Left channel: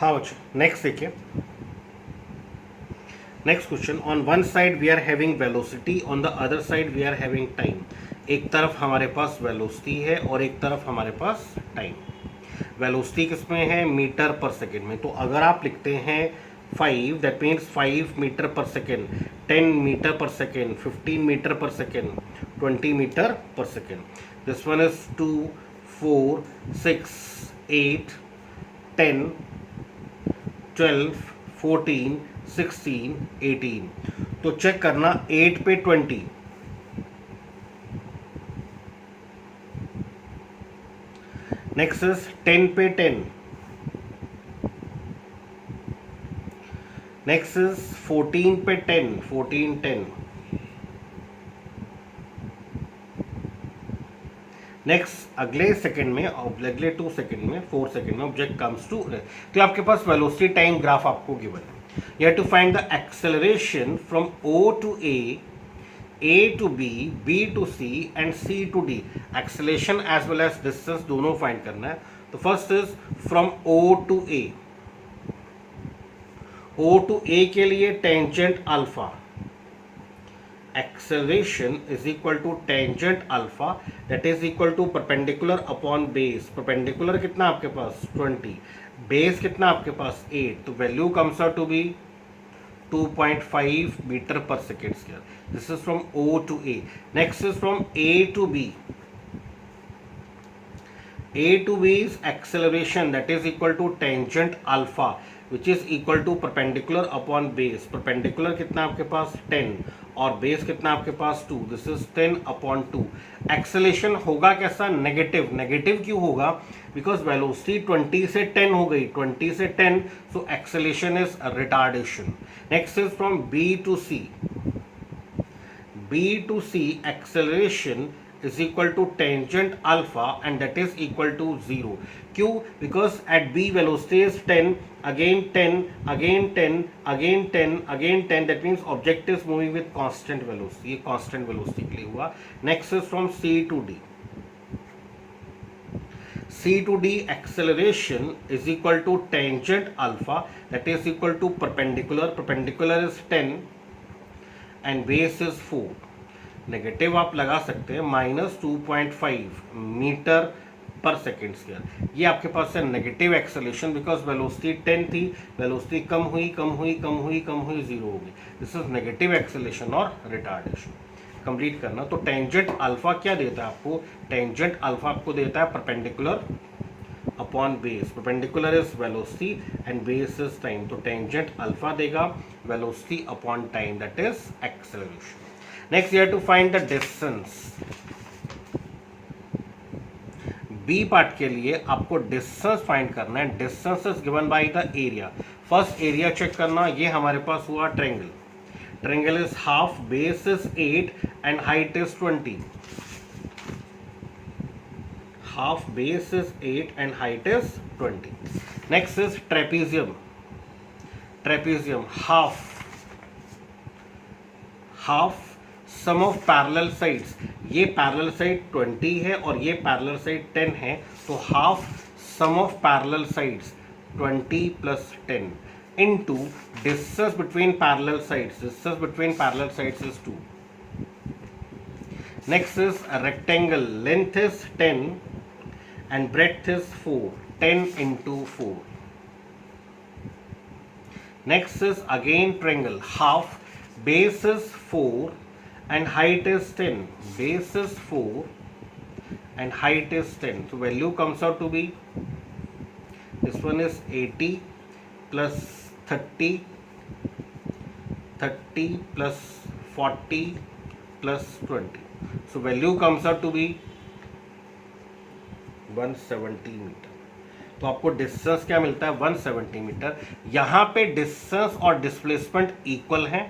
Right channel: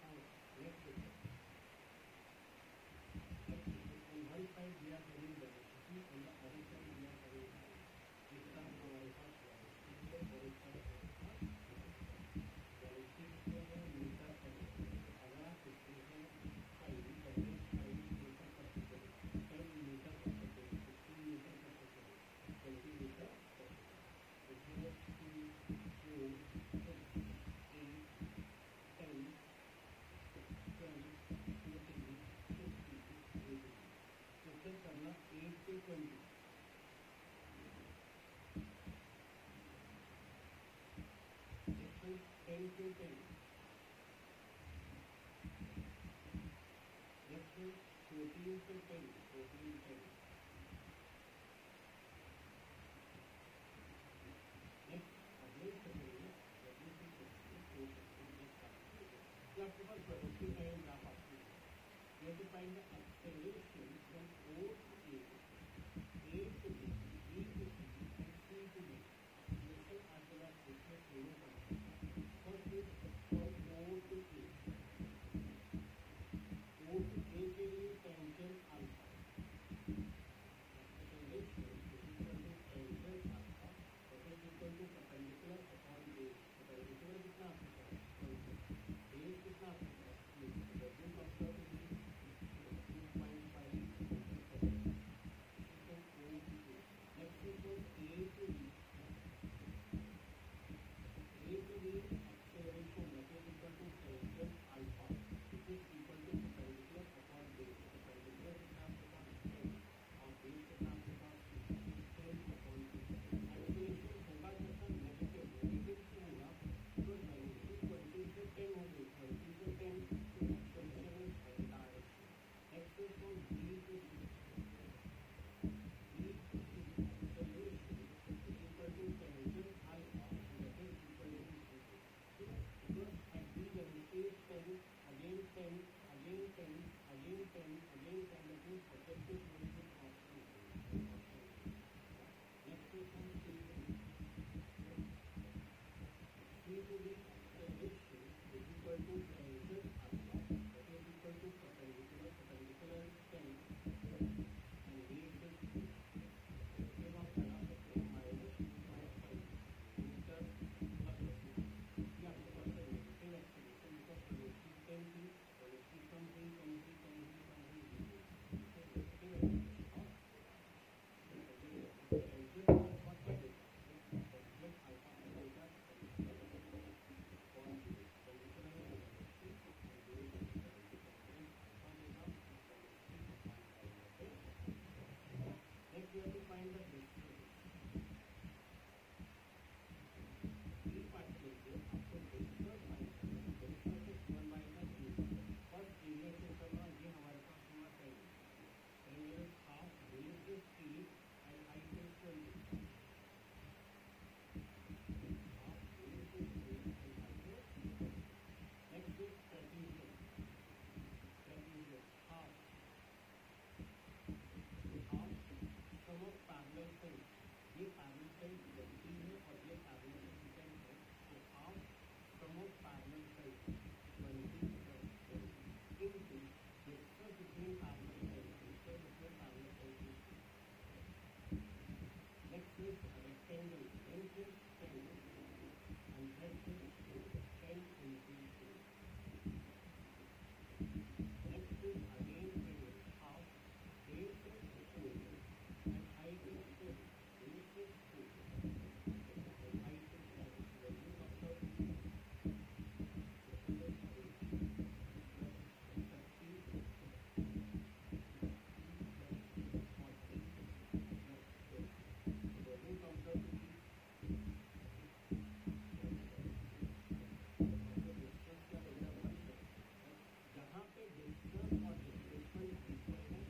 हाँ बच्चों, नेक्स्ट देखिए। Next question, on one side we are having velocity, on the other side we are having time. एक तरफ हमारे पास वेलोसिटी है और एक तरफ हमारे पास टाइम। वेलोसिटी किस में है? मीटर पर सेकेंड में। तो अगर आप लिखते हैं 5, दैट मीन्स 5 मीटर पर सेकेंड, 10 मीटर पर सेकेंड, 15 मीटर पर सेकेंड, 20 मीटर पर सेकेंड। This one is 2, 4, 6, 8, 10, 12, 14, 16, 18। तो चेक करना, 8 पे 20, नेक्स्ट इज 10 पे 10, नेक्स्ट इज 14 पे 10, 14, 10, नेक्स्ट अगले सेकंड में, अगले 2 सेकंड में, 4 सेकंड में ऑब्जेक्ट कम्स टू। तो आपके पास वेलोसिटी टाइम ग्राफ आपको गिवन है। You have to find the acceleration from O to A to B, B to C and C to D. Acceleration as well as distance दोनों find करना है। तो first is from O to A. O to A के लिए tangent alpha. Acceleration is equal to tangent alpha, that is equal to perpendicular upon base. Perpendicular कितना आपके पास? 20. Base कितना आपके पास? 8. तो value comes out to be 2.5 meter per second square. This is from O to A. Next is from A to B. A to B is acceleration, that is equal to tangent alpha, which is equal to perpendicular upon base. Perpendicular कितना आपके पास? 10 और base कितना आपके पास? 2. This is 10 upon 2. Acceleration होगा कैसा? Negative. Negative क्यों होगा? Because velocity 20 से 10 हो गई, 20 से 10, so acceleration is retardation. Next is from B to C. B to C acceleration is equal to tangent alpha and that is equal to 0. क्यों? Because at B velocity is 10, again 10, again 10, again 10, again 10. That means object is moving with constant velocity. ये constant velocity के लिए हुआ। Next is from C to D. C to D acceleration is equal to tangent alpha, that is equal to perpendicular. Perpendicular is 10 and base is 4. Negative आप लगा सकते हैं, -2.5 metre पर second square. ये आपके पास है नेगेटिव एक्सेलेरेशन, बिकॉज वेलोसिटी 10 थी, velocity कम हुई, कम हुई, कम हुई, कम हुई, 0 हो गई। दिस इज नेगेटिव एक्सेलेरेशन और रिटार्डेशन। कंप्लीट करना। तो टेंजेंट अल्फा क्या देता है आपको? टेंजेंट अल्फा आपको देता है perpendicular upon base. Perpendicular is velocity and base is time. तो टेंजेंट अल्फा देगा velocity upon time, that is acceleration. Next you have to find the distance. B part के लिए आपको डिस्टेंस फाइंड करना है। Distance is given by the area. First area check करना, ये हमारे पास हुआ triangle. Triangle is half, base is 8 and height is 20। half base is 8 and height is 20. Next is trapezium. Trapezium half sum of parallel sides. ये parallel side 20 है और ये parallel side 10 है, तो half sum of parallel sides 20 plus 10 into distance between parallel sides. Distance between parallel sides is 2. Next is a rectangle. Length is 10 and breadth is 4. 10 into 4. Next is again triangle. Half, base is 4 and height is 10. Base is 4 and height is 10. So value comes out to be, this one is 80 plus 30 plus 40 plus 20. So value comes out to be 170 metre. तो आपको distance क्या मिलता है? 170 metre. यहाँ पे distance और displacement equal हैं,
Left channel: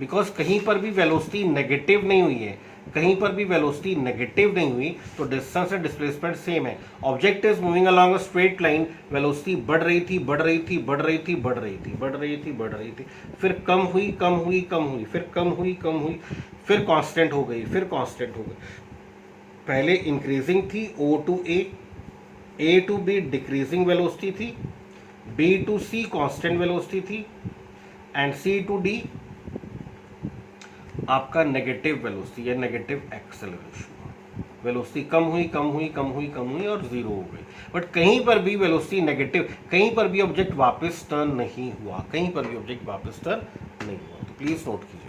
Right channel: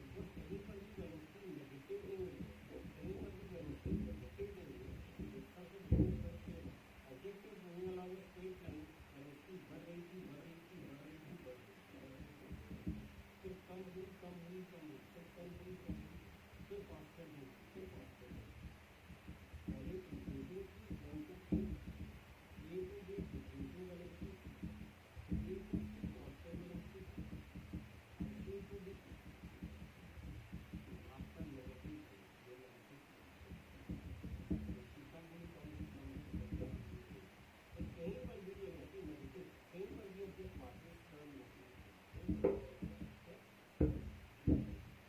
because कहीं पर भी वेलोसिटी नेगेटिव नहीं हुई है, कहीं पर भी वेलोसिटी नेगेटिव नहीं हुई, तो डिस्टेंस एंड डिस्प्लेसमेंट सेम है। Object is moving along a straight line, velocity बढ़ रही थी, बढ़ रही थी, बढ़ रही थी, बढ़ रही थी, बढ़ रही थी, बढ़ रही थी, फिर कम हुई, कम हुई, कम हुई, फिर कम हुई, कम हुई, फिर कांस्टेंट हो गई, फिर कांस्टेंट हो गई। पहले इंक्रीजिंग थी O to A, A to B decreasing velocity थी, B to C constant velocity थी एंड सी टू डी आपका नेगेटिव वेलोसिटी या नेगेटिव एक्सेलरेशन। वेलोसिटी कम हुई कम हुई कम हुई कम हुई और जीरो हो गई, बट कहीं पर भी वेलोसिटी नेगेटिव, कहीं पर भी ऑब्जेक्ट वापस टर्न नहीं हुआ, कहीं पर भी ऑब्जेक्ट वापस टर्न नहीं हुआ। तो प्लीज नोट कीजिए।